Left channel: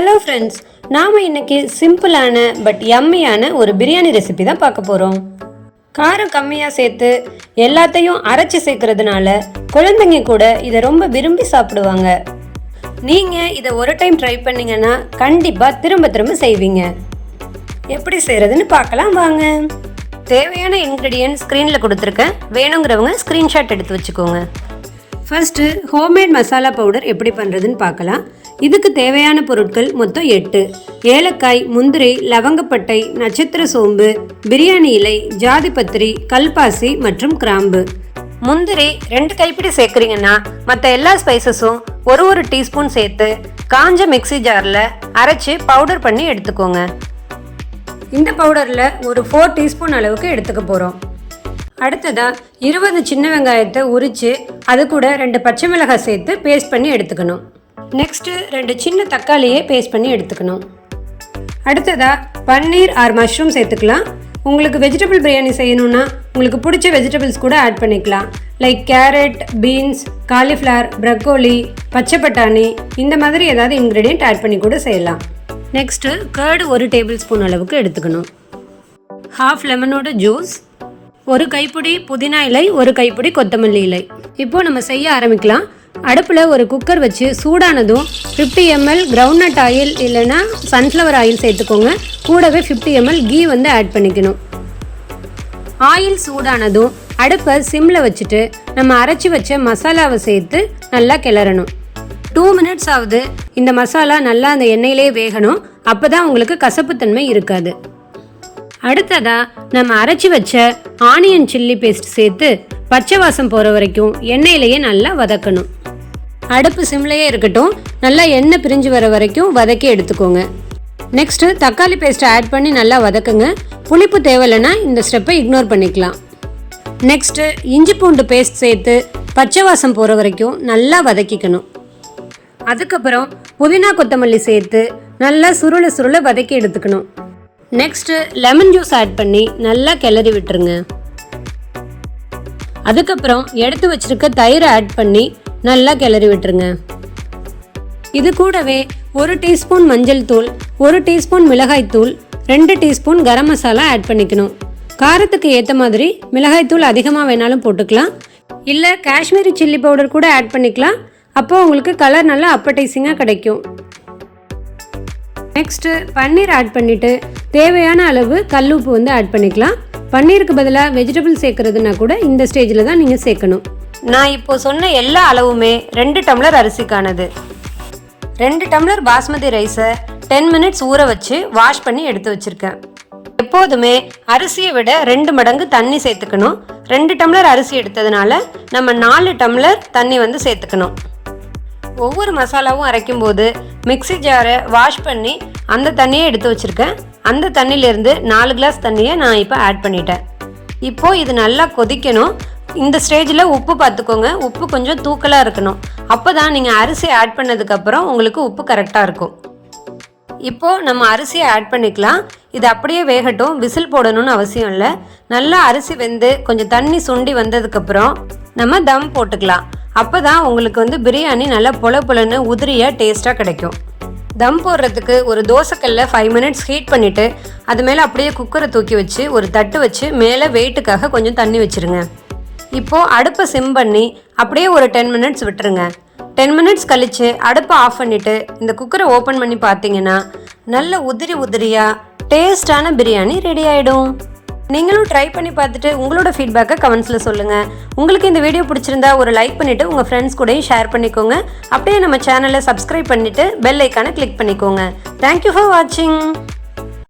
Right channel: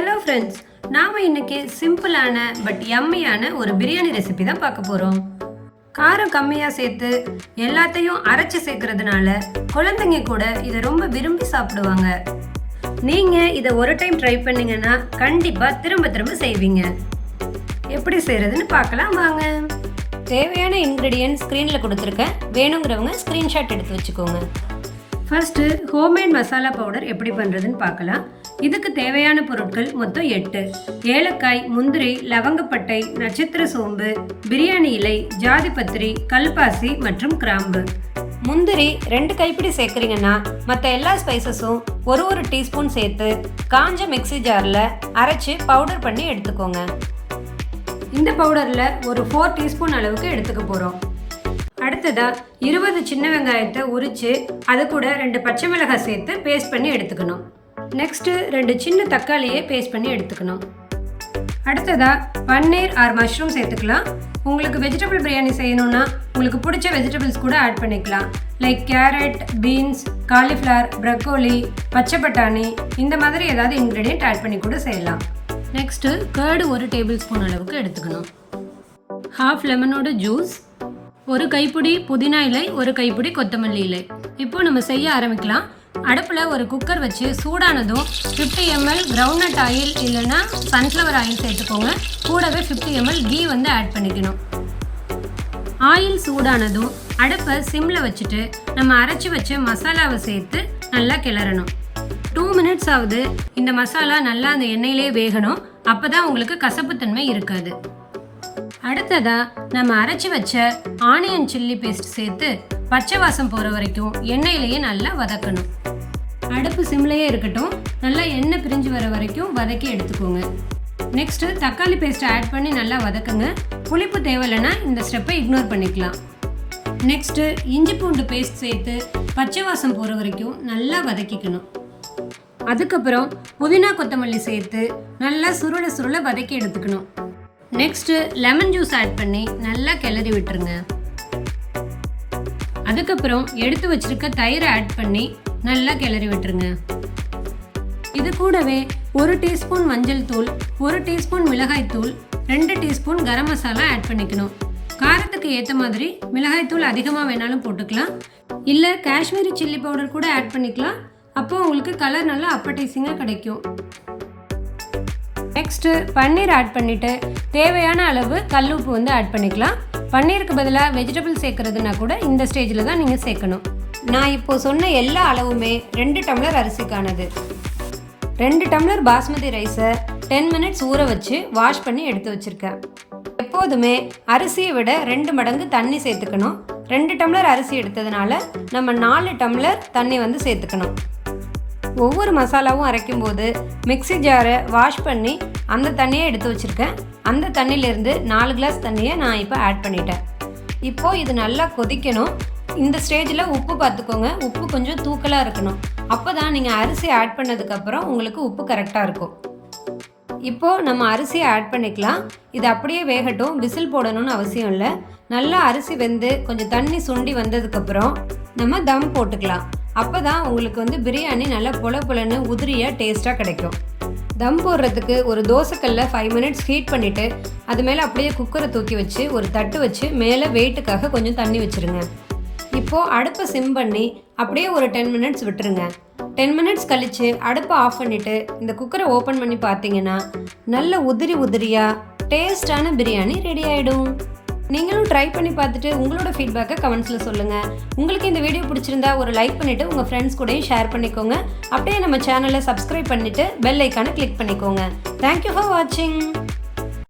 Hello friends, நாம் இன்னைக்கு சிம்பிளான பட் யம்மியான ஒரு பிரியாணி ரெசிபி தான் பார்க்க போகிறோம். காரம் கம்மியாக சேர்த்து எல்லாத்தையும் அரைச்சி சேர்க்கறதுனால குழந்தைங்க கூட இதை ரொம்ப விரும்பி சாப்பிடுவாங்க. நீங்கள் இதை ஒரு டைம் ட்ரை பண்ணிங்கன்னா கண்டிப்பாக திரும்ப திரும்ப செய்வீங்க. எப்படி செய்கிறதுன்னு பார்க்கலாம் வாங்க. தேவையான இன்க்ரீடியன்ட் ஸ்க்ரீனில் கொடுத்துருக்கேன். வேணுங்கிறவங்க ஸ்க்ரீன்ஷாட் எடுத்து வச்சுக்கோங்க. ஃபர்ஸ்ட்டு ஹோம்மேட் மசாலா பவுடர் எப்படி பண்ணுறதுன்னு பார்க்கலாம். இதுக்கு தேவையான பொருட்கள் மொத்தம் 8: ஏலக்காய், முந்திரி, லவங்கப்பட்டை, நட்சத்திர சோம்பு, பிரியாணி இலை, ஜாதிபத்திரி, கல்பாசி மற்றும் கிராம்பு. முந்திரி 2 கைப்பிடி சேர்க்குறீங்கன்னா மற்ற எல்லா ஸ்பைசஸும் ஒரு டீஸ்பூன் சேர்த்து காஞ்ச மிக்சி ஜாரில் அரைச்சி பவுடர் பண்ணி எடுத்துக்கோங்க. இந்த பவுடரில் ஒரு 4 டீஸ்பூன் அளவுக்கு எடுத்துக்க போகிறோம். அடுத்ததாக 20 சின்ன வெங்காயத்தை உரித்து அது கூட 2 பச்சை மிளகாய் சேர்த்து பேஸ்ட் பண்ணி எடுத்துக்கணும். நெக்ஸ்ட்டு 2 சின்ன தக்காளியை பேஸ்ட் பண்ணி எடுத்துக்கணும். அடுத்ததாக பன்னீர் ஆர் மஷ்ரூம் சேர்த்துக்கலாம். உங்களுக்கு வெஜிடபிள் பிரியாணி செய்யணுன்னா உங்களுக்கு பிடிச்ச வெஜிடபிள்ஸ் கூட ஆட் பண்ணிக்கலாம். Like carrot, beans, cauliflower, broccoli, பச்சை பட்டாணி, இந்த மாதிரி ஏதாவது இன்க்ரீடியன்ட் ஆட் பண்ணி கூட செய்யலாம். நெக்ஸ்ட்டு கர்டு 1 டேபிள் ஸ்பூன் அளவுக்கு எடுத்துக்கணும். ½ லெமனோட ஜூஸ், 1 கைப்பிடி புதினா இலை, 1 கைப்பிடி கொத்தமல்லி இலை. இப்போது நம்ம செய்ய ஆரம்பிக்கலாம். அடுப்பில் ஒரு குக்கர் வச்சு சூடானதும் 50 ml கிரவுண்ட்நட் ஆயில் இல்லைன்னா சன்ஃப்ளவர் ஆயில் சேர்த்துக்கோங்க. கூடவே 50 ml கீ ஆட் பண்ணிக்கணும். ஆயில் சூடானதும் அடுப்பை சிம்மில் வச்சுட்டு நம்ம அரைச்சி வச்ச மசாலாவை சேர்த்து நல்லா கிளறணும். 2 minutes ஆகுது இந்த மசாலா நல்லா அந்த எண்ணெயிலே வேகணும். அப்போ தான் உங்களுக்கு கசப்புத்தன்மை இருக்காது. அடுத்ததாக நம்ம அரைச்சி வச்ச ஆனியன் சில்லி பேஸ்ட் சேர்த்து பச்சை வாசம் போகிற வரைக்கும் எண்ணெயிலேயே நல்லா வதக்கணும். அடுப்பு சிம்லையே இருக்கட்டும். நல்லா எண்ணெய் பிரிஞ்சு வர வரைக்கும் வதக்கி எடுத்துக்கோங்க. நெக்ஸ்ட்டு தக்காளி பேஸ்ட்டை ஆட் பண்ணி நல்லா வதக்குங்க. புளிப்பு தேவையில்லைன்னா இந்த ஸ்டெப்பை இக்னோர் பண்ணிக்கலாம். நெக்ஸ்ட்டு இஞ்சி பூண்டு பேஸ்ட் சேர்த்து பச்சை வாசம் போகிற வரைக்கும் நல்லா வதக்கிக்கணும். அதுக்கப்புறம் புதினா கொத்தமல்லி சேர்த்து நல்லா சுருள வதக்கி எடுத்துக்கணும். நெக்ஸ்ட்டு லெமன் ஜூஸ் ஆட் பண்ணி நல்லா கிளறி விட்டுருங்க. அதுக்கப்புறம் எடுத்து வச்சிருக்க தயிரை ஆட் பண்ணி நல்லா கிளறி விட்டுருங்க. இது கூடவே 1 டீஸ்பூன் மஞ்சள் தூள், 1 டீஸ்பூன் மிளகாய் தூள், 2 டீஸ்பூன் கரம் மசாலா ஆட் பண்ணிக்கணும். காரத்துக்கு ஏற்ற மாதிரி மிளகாய் தூள் அதிகமாக வேணாலும் போட்டுக்கலாம். இல்லை காஷ்மீரி சில்லி பவுடர் கூட ஆட் பண்ணிக்கலாம். அப்போது உங்களுக்கு கலர் நல்லா அப்படைசிங்காக கிடைக்கும். நெக்ஸ்ட்டு பன்னீர் ஆட் பண்ணிவிட்டு தேவையான அளவு கல்லுப்பு ஆட் பண்ணிக்கலாம். பன்னீருக்கு பதிலாக வெஜிடபிள் சேர்க்குறதுனா கூட இந்த ஸ்டேஜில் தான் நீங்கள் சேர்க்கணும். நான் இப்போ சொன்ன எல்லா அளவுமே 2 டம்ளர் அரிசிக்கானது. 2 டம்ளர் பாஸ்மதி ரைஸை 10 minutes ஊற வச்சு வாஷ் பண்ணி எடுத்து வச்சுருக்கேன். எப்போதுமே அரிசியை விட 2 மடங்கு தண்ணி சேர்த்துக்கணும். 2 டம்ளர் அரிசி எடுத்ததுனால நம்ம 4 டம்ளர் தண்ணி சேர்த்துக்கணும். ஒவ்வொரு மசாலாவும் அரைக்கும் போது மிக்சி ஜாரை வாஷ் பண்ணி அந்த தண்ணியை எடுத்து வச்சுருக்கேன். அந்த தண்ணியிலேருந்து 4 கிளாஸ் தண்ணியை நான் இப்போ ஆட் பண்ணிட்டேன். இப்போது இது நல்லா கொதிக்கணும். இந்த ஸ்டேஜில் உப்பு பார்த்துக்கோங்க. உப்பு கொஞ்சம் தூக்கலாக இருக்கணும். அப்போ தான் நீங்கள் அரிசி ஆட் பண்ணதுக்கப்புறம் உங்களுக்கு உப்பு கரெக்டாக இருக்கும். இப்போது நம்ம அரிசியை ஆட் பண்ணிக்கலாம். இது அப்படியே வேகட்டும். விசில் போடணும்னு அவசியம் இல்லை. நல்லா அரிசி வெந்து கொஞ்சம் தண்ணி சுண்டி வந்ததுக்கப்புறம் நம்ம தம் போட்டுக்கலாம். அப்போ தான் உங்களுக்கு பிரியாணி நல்லா பொலன்னு உதிரியாக டேஸ்ட்டாக கிடைக்கும். தம் போடுறதுக்கு ஒரு தோசைக்கல்ல 5 minutes ஹீட் பண்ணிவிட்டு அது மேலே அப்படியே குக்கரை தூக்கி வச்சு ஒரு தட்டு வச்சு மேலே வெயிட்டுக்காக கொஞ்சம் தண்ணி வச்சுருங்க. இப்போது அடுப்பை சிம் பண்ணி அப்படியே ஒரு 10 minutes விட்டுருங்க. 10 minutes கழித்து அடுப்பை ஆஃப் பண்ணிவிட்டு இந்த குக்கரை ஓப்பன் பண்ணி பார்த்தீங்கன்னா நல்ல உதிரியாக டேஸ்டான பிரியாணி ரெடி ஆகிடும். நீங்களும் ட்ரை பண்ணி பார்த்துட்டு உங்களோட ஃபீட்பேக்கை கமெண்ட்ஸில் சொல்லுங்கள். உங்களுக்கு இந்த வீடியோ பிடிச்சிருந்தா ஒரு லைக் பண்ணிவிட்டு உங்கள் ஃப்ரெண்ட்ஸ் கூடயும் ஷேர் பண்ணிக்கோங்க. அப்படியே நம்ம சேனலை சப்ஸ்கிரைப் பண்ணிவிட்டு பெல் ஐக்கானை கிளிக் பண்ணிக்கோங்க. தேங்க்யூ ஃபார் வாட்சிங்.